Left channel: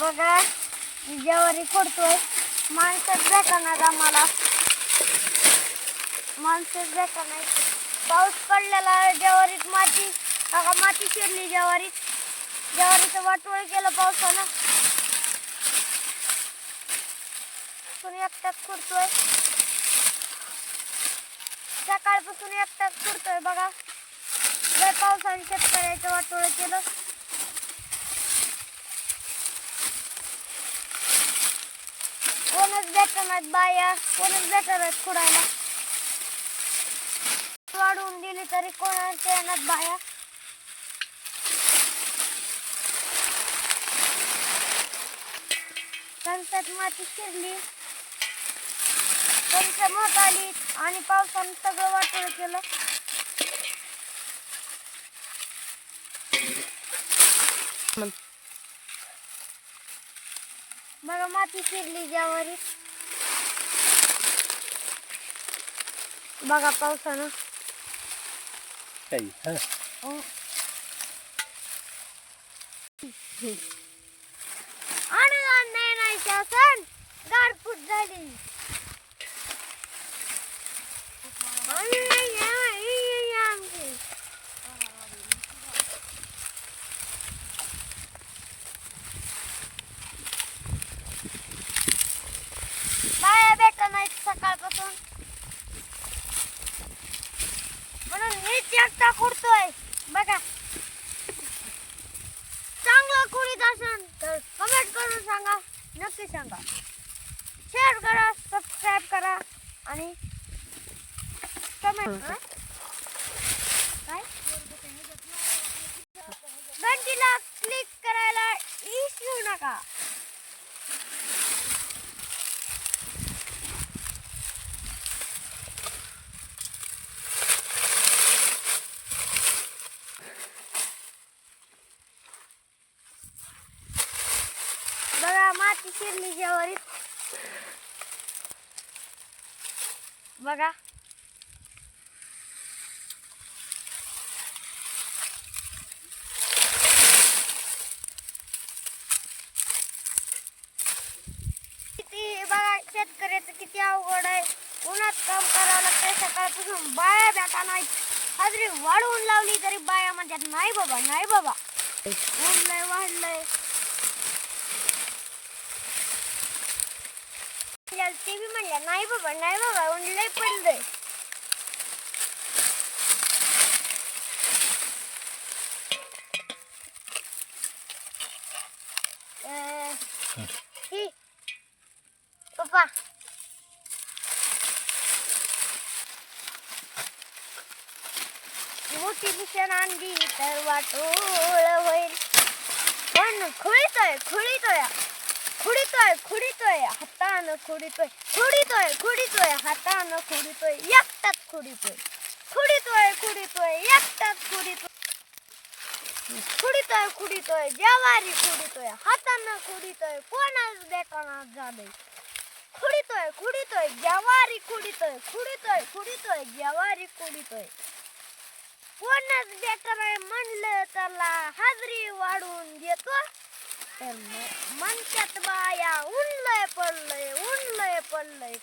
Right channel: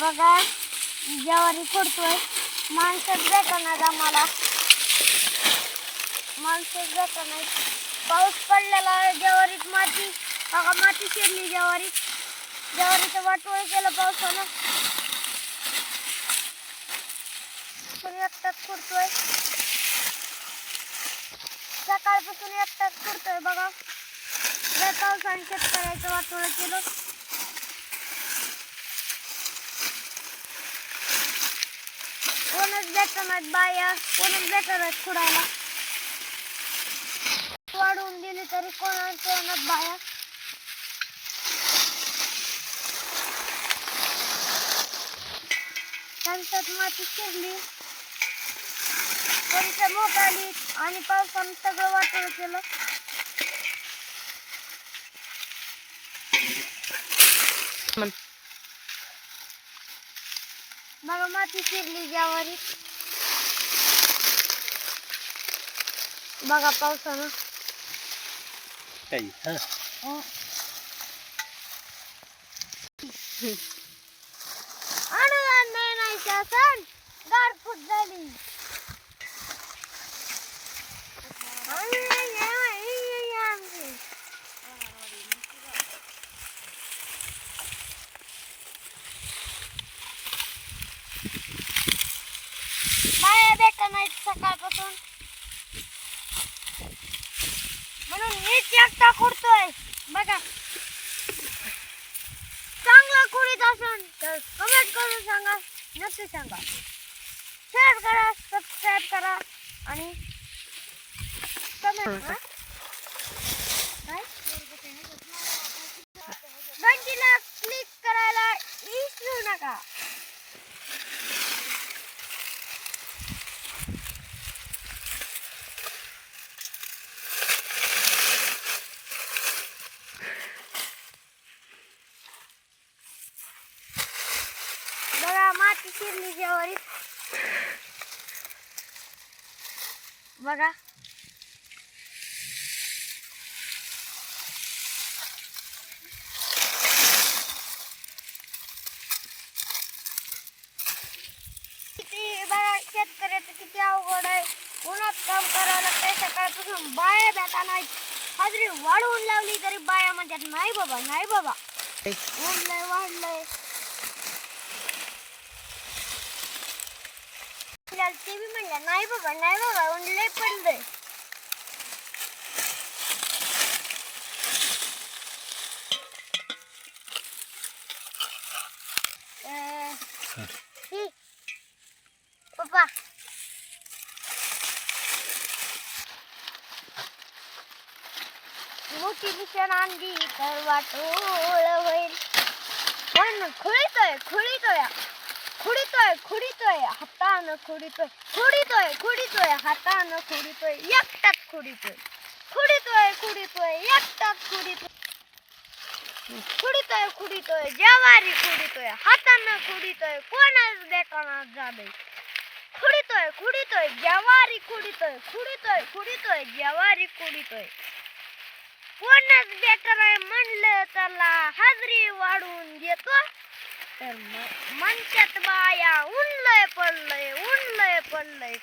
बघा ज्वारी फोडतोय. माणसं भेटणार आम्हाला, माणसं भेटणार. पाऊस पडलेला ज्वारीत माती, बघा माती शिरली ज्वारीत. ज्वारीचं वाटोळ केलं पावसानं. पण एकटाच खुडतोय, सकाळपासून एकटाच खुडतोय. बघा लय पावसाने शेतकऱ्याचं वाटोळ केलं. कोणच भेटणार बाया, कोणच भेटणार खुडायला. वाढवून दिली तरी कोणाच येणार बाया. कणसात माती शिरली, कणस मोठाली आणि पावसानं सगळं वाटोळ केलं. बघा माती शिरली ज्वारीत. बघा पावसानं अनुदान नाही शासन गारफूट झाली. बाया भेटत नाहीत सकाळपासून, म्हणून मीच एकटा खुडतोय. बघा चांगला खुडीत असेल तर कमेंट करून सांगा, नक्की सांगा. शेअर करा, सबस्क्राईब करा आणि कमेंट काय घंटीला क्लिक करायला विसरू नका. बघा माती शिरली ज्वारीत. बघा किती, बघा शेतकऱ्याचं किती अवघड आहे. उन्हात काम करावं लागतंय सकाळपासून. बाया भेटा नाहीत. हाजरी वाढवून लावली तरी बाया म्हणतात नाही बाबा, नाही बाबा, ऊन लय वाढलंय. ते बी म्हणल्या नाही बाबा, नाही बाबा, ऊन लय पडलंय. पप्पा मोठी मिशन आणली तर वाटोळ होईल. पण खुळीतोय खुळीतोय खुडीतोय खुडीतोय हातानं खुडीतोय, खुडीतोय खुडीतोय हातानं खुडीतोय, एकटाच खुडीतोय. खुडीतोय खुडीतोय एकटाच खुडीतोय. खुडीतोय खुडीतोय ज्वारी खुडीतोय, हातानं खुडीतोय, कोणाच देखाना झालंय. खुडीतोय खुडीतोय ज्वारी खुडीतोय, खुडीतोय खुडीतोय ज्वारी खुडीतोय. कोणाच देखाना म्हणलं त्याला हाजरी वाढवून देतो. तर म्हणतात बाया ऊन लय पडलंय, ऊन लय पडलंय.